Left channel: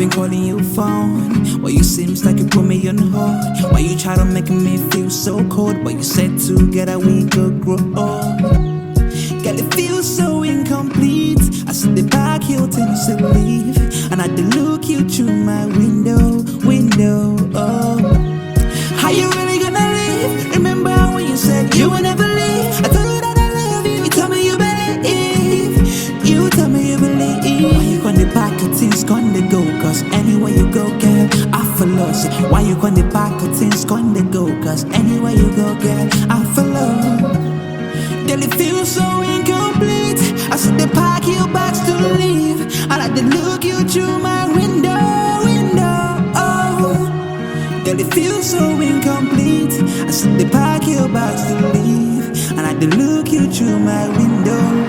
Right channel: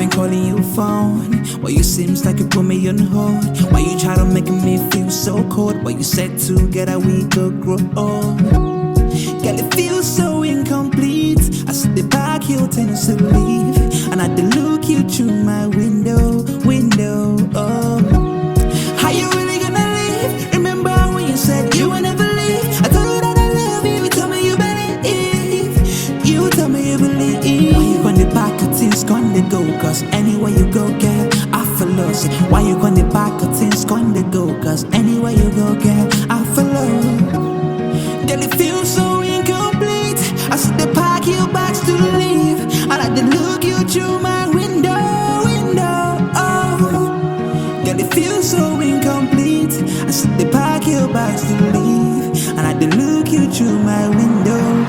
been calling your phone. Why you seems like you put me on hold? Why you try to make me feel so cold? But you said together we could grow old. Girl, it feels so incomplete. I see the back Hilton to leave, and I had to look you through my window. Oh, how you really gonna leave? Remember when you said you would never leave? I told you that I love you. You told me you believe. You told me you believe. Why you on the back of things gonna go? Cause anywhere you go, girl, I follow. Say, why you on the back of things gonna go? Cause anywhere you go, girl, I follow. Girl, it feels so incomplete. I see the pack your bags to leave, and I did look you through my window. Oh, girl, it feels so incomplete. I see the pack your bags to leave, and I did look you through my window.